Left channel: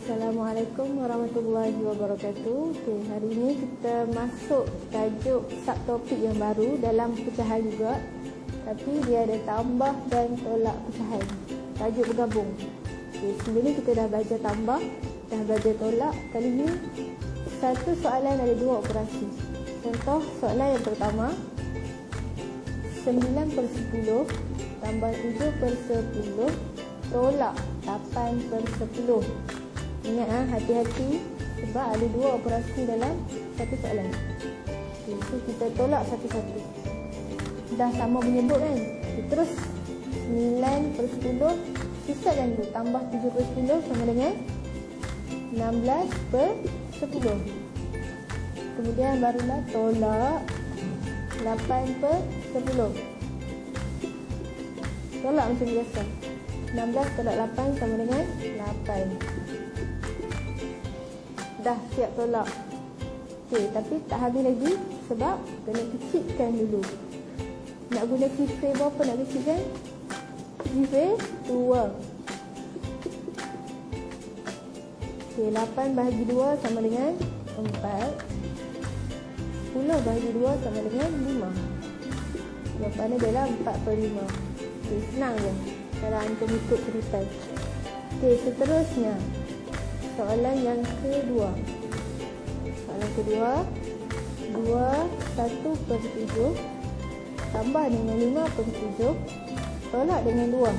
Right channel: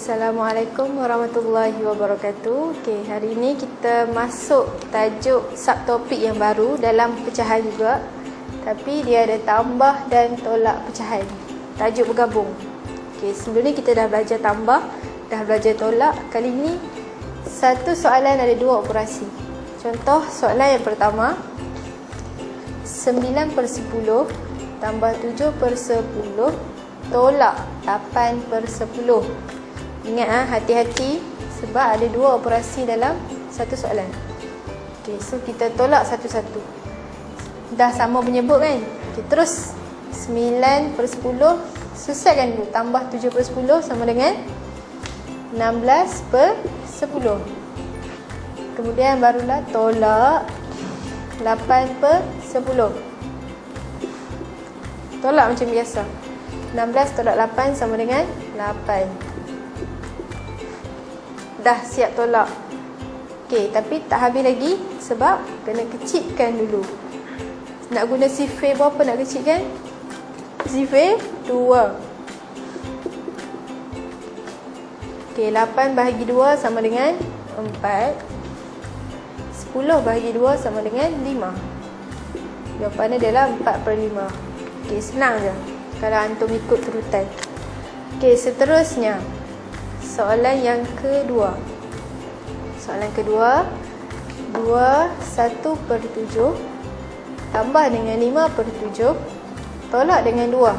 Assalamualaikum warahmatullahi wabarakatuh. Hari ini kita masuk tajuk subtopik yang baru dalam pecahan juga. Tapi dia ada tambah dan tolak pecahan. Tajuk bergabung. Sebelum ni kita dah belajar tambah, dah belajar tolak. Kali ini satu soalan ada dua operasi. Contoh soalan yang pertama, 9/10 tambah 7/10 tolak 8/10. Ingat hati-hati sebab ada dua operasi dalam satu soalan. So kita tolak satu-satu. Dah sama penyebut kan? Terus 9/10 selesaikan dulu. Tambah 7/10 sama dengan 16/10. Kemudian barulah tolak 8/10. Tolak macam biasa. 16 tolak 8 sama dengan 8. Dah siap tolak. Tapi tak habis lagi sebab kena kecilkan dulu. Nak guna sifir berapa nak kecilkan? Sifir 2. 8 bahagi 2 sama dengan 4. 10 bahagi 2 sama dengan 5. Jawapannya adalah 4/5. Senang je kalau antum ikut turutan. Seterusnya soalan yang kedua. Soalan kedua, 21/7 tambah dengan 5/7 tolak dengan 2.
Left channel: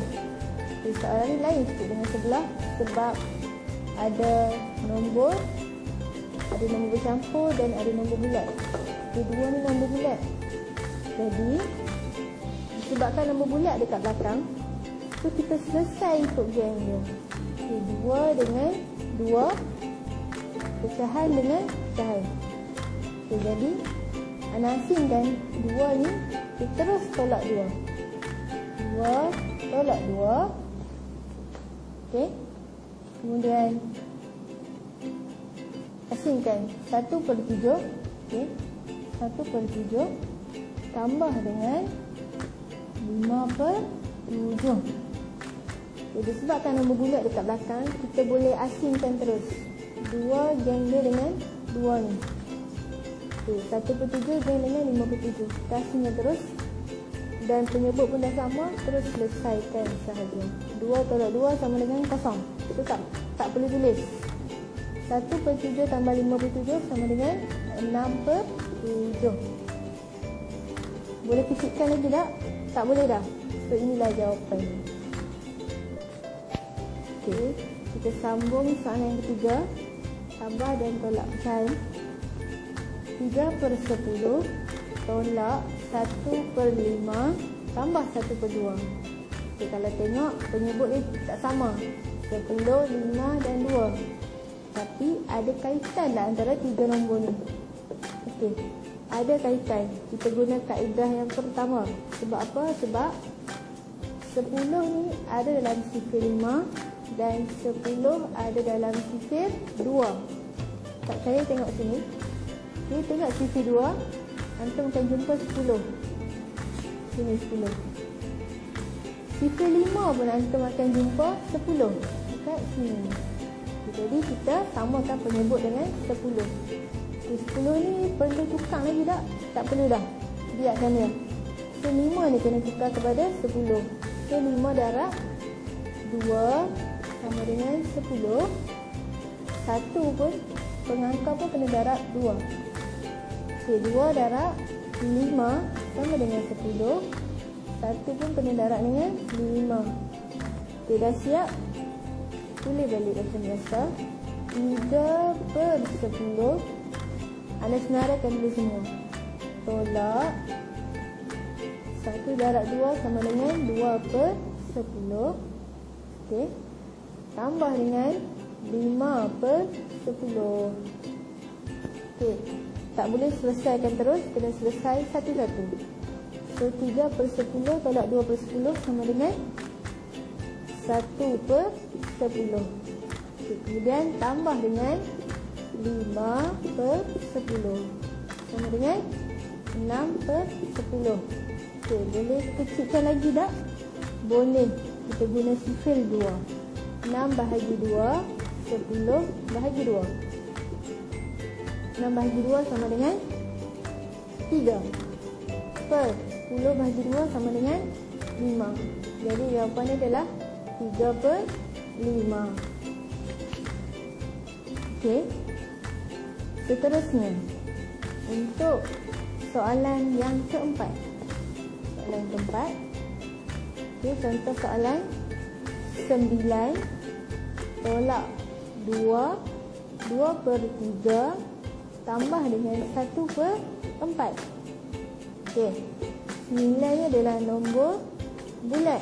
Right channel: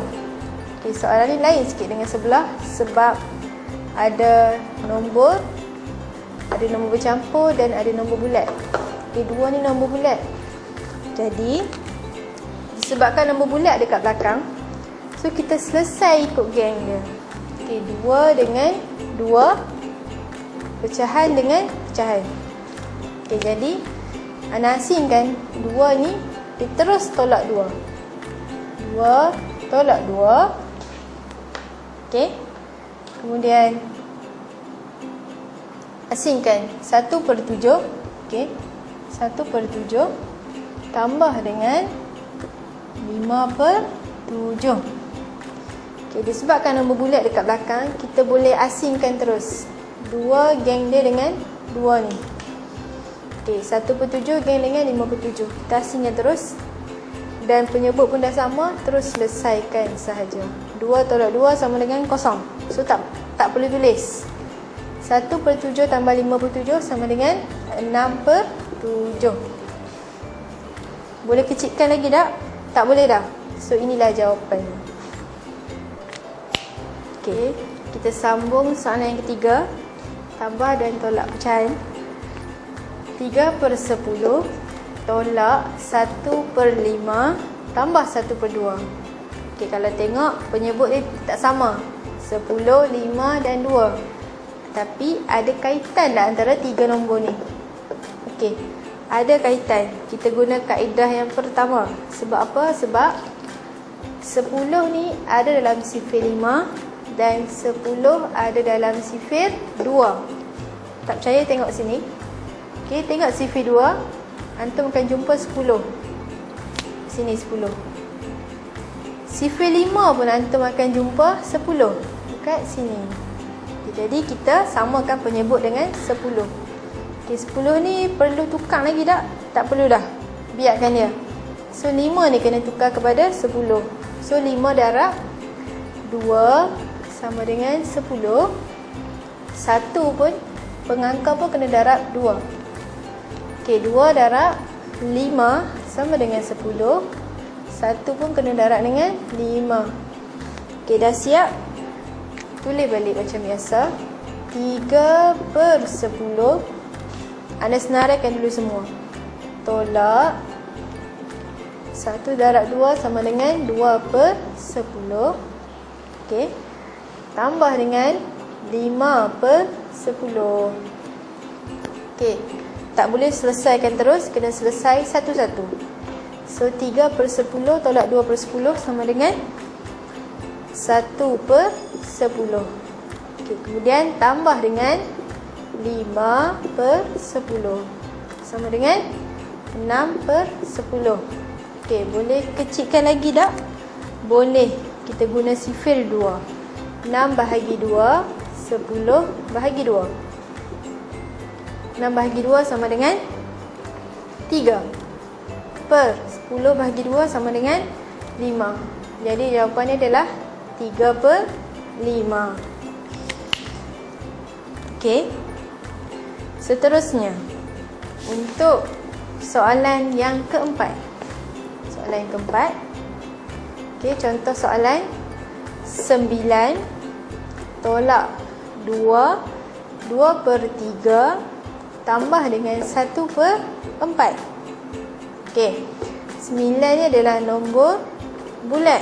Soalan ni lain sikit dengan sebelah sebab ada nombor bercampur dan ada nombor bulat. Dua ni nombor bulat. Jadi disebabkan nombor bulat dekat belakang, so kita selesai ikut geng dia. 2 dengan 2, pecahan dengan pecahan. Jadi ana asingkan 2 ni dia terus tolak 2. 2 tolak 2. Kemudian asingkan 1/7. 1/7 tambah dengan 5/7. Disebabkan nombor bulat dekat belakang, kita boleh asingkan terus 2 geng dia dengan 2 ni. 1/7 geng dengan 5/7. Kita asingkan terus. Dan penyebut pun dah sama, terus selesaikan sahaja. 2 tolak 2 sama dengan 0. So tak perlu tulis. 1/7 tambah 5/7 sama dengan 6/7. Boleh kecilkan lagi tak? Tak boleh dah. So inilah jawapannya. Kita sambung soalan yang ketiga. Tambah dan tolak pecahan. 3/10 tolak 1/5 tambah 1/2. Kalau tengok penyebut dia tak sama. 10, 5 dan 2. Tapi ada kaitan tak antara 3 nombor ni? Ada kaitan. Kita guna kaedah yang pertama. Sebab apa? Sebab 10 ni ada dalam sifir 5 dan 10 ada dalam sifir 2. Tak percaya tengok sini. Tengok sifir 2. Antum akan jumpa 10. Sini 10. Sifir 5 pun antum akan jumpa 10 dekat sini. Jadi kita samakan penyebut dengan 10. 10 ni perlu tukar lagi tak? Tak perlu dah. Biarkan dia. So 5 ni kena tukar kepada 10. So 5 darab 2 sama dengan 10. 1 pun pengangka pun kena darab 2. 2 darab 5 sama dengan 10. 1 pun kena darab dengan 5. Dah siap? Tulis balik macam biasa. 3/10. Anda senaraikan dulu semua. Tolak 1 darab 2 sama dengan 2/10. Tambah dengan 5/10. Tak boleh selesaikan terus, kena selesai satu-satu. So 3/10 tolak 2/10 sama dengan 1/10. Kemudian tambah dengan 5/10 sama dengan 6/10. Boleh kecilkan lagi tak? Boleh. Kita guna sifir 2. 6 bahagi 2 10 bahagi 2. 6 bahagi 2 sama dengan 3. Per 10 bahagi 2 sama dengan 5. Jadi jawapannya adalah 3/5. Okey. Seterusnya, untuk soalan yang keempat. Soalan yang keempat. Okey, contoh soalan 9 tolak 2 2/3 tambah dengan 1/4. Okey, 9 ni adalah nombor bulat.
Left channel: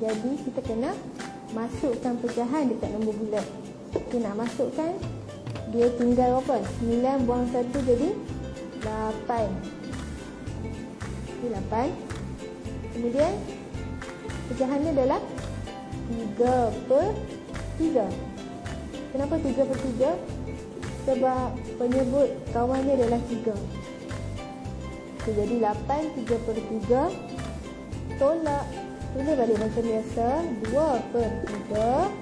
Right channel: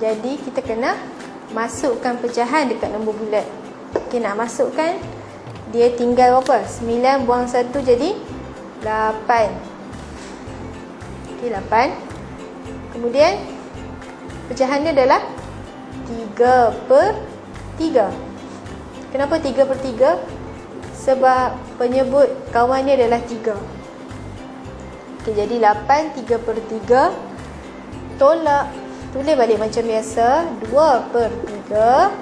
Jadi kita kena masukkan pecahan dekat nombor bulat. Okey, nak masukkan, dia tinggal berapa? 9 buang 1 jadi 8. Okey, 8. Kemudian pecahan dia adalah 3/3. Kenapa 3/3? Sebab penyebut kawan dia adalah 3. Okay, jadi 8 3/3 tolak, tulis balik macam biasa, 2/3.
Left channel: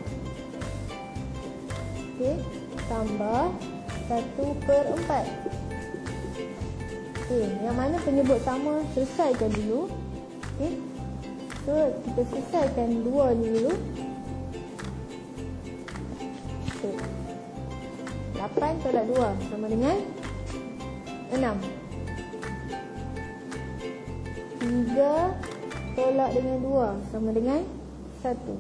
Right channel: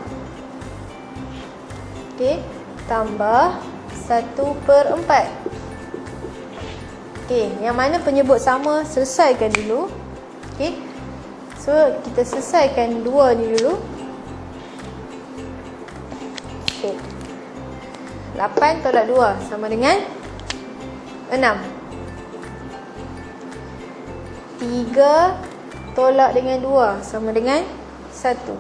Okey, tambah 1/4. Okey, yang mana penyebut sama selesaikan dulu. Okey. So, kita selesaikan 2 ni dulu. Okey. 8 tolak 2 sama dengan 6. 3 tolak dengan 2 sama dengan 1.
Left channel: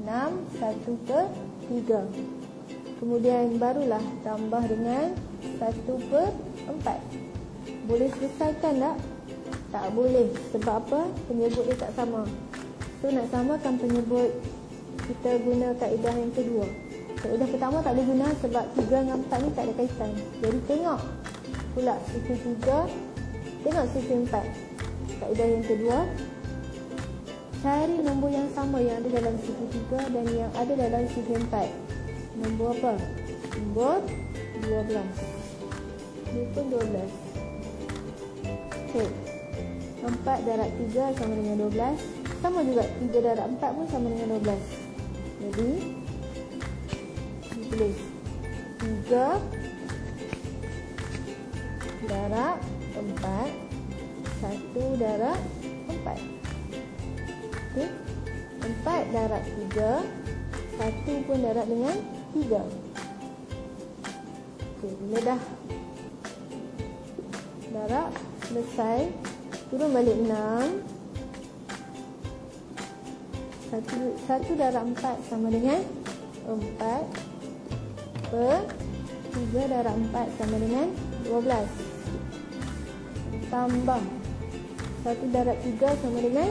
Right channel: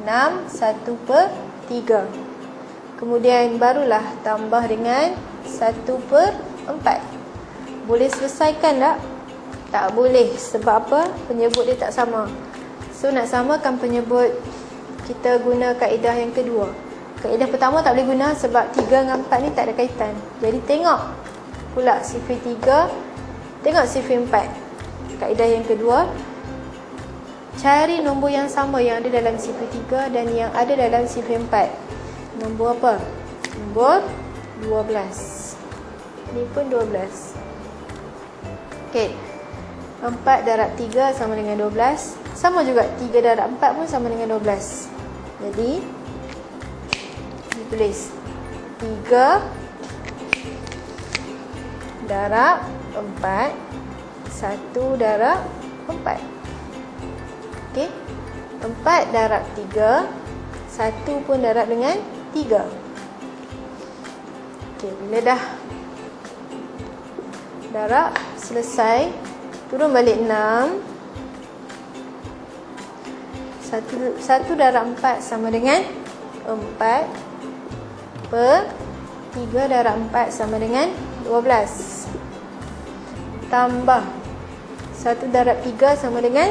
6 1/3. Kemudian barulah tambah dengan 1/4. Boleh selesaikan tak? Tak boleh. Sebab apa? Penyebut dia tak sama. So nak samakan penyebut, kita guna kaedah yang kedua. Kaedah pertama tak boleh guna sebab 3 dengan 4 ni tak ada kaitan. Jadi tengok pula sifir 3, tengok sifir 4. Kaedah yang kedua, cari nombor yang sama yang ada dalam sifir 3 dan yang ada dalam sifir 4. Nombor apa? Nombor 12. Ini pun 12. Okey. 4 darab 3 sama dengan 12. Sama juga 3 darab 4 pun sama dengan 12. Jadi ditulis 3 darab 4, 1 darab 4. Okey. 4 darab 3, 1 pun darab dengan 3. Okey, bila dah darab selesai, turun balik 6. 1 darab 4 sama dengan 4 per 3 darab 4 sama dengan 12. Tambah 1 darab 3 sama dengan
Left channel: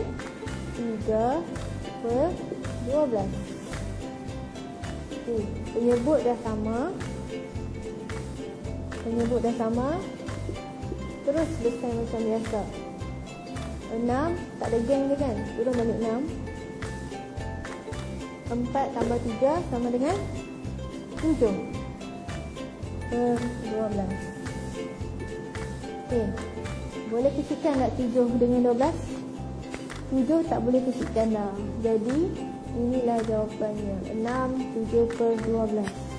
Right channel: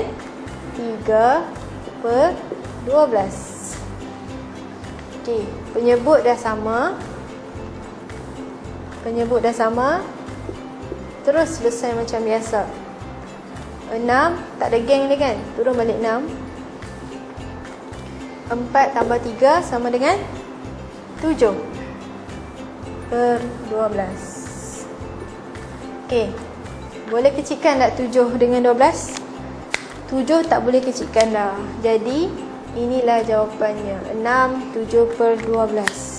3 per 12. Okey, penyebut dah sama. Penyebut dah sama. Terus selesai macam biasa. 6, tak ada geng ni kan? Turun balik 6. 4 tambah 3 sama dengan 7 per 12. Okey. Boleh kecilkan tak 7 dengan 12? 7 tak boleh kecilkan dah. Jadi inilah jawapannya. 6 7 per 12.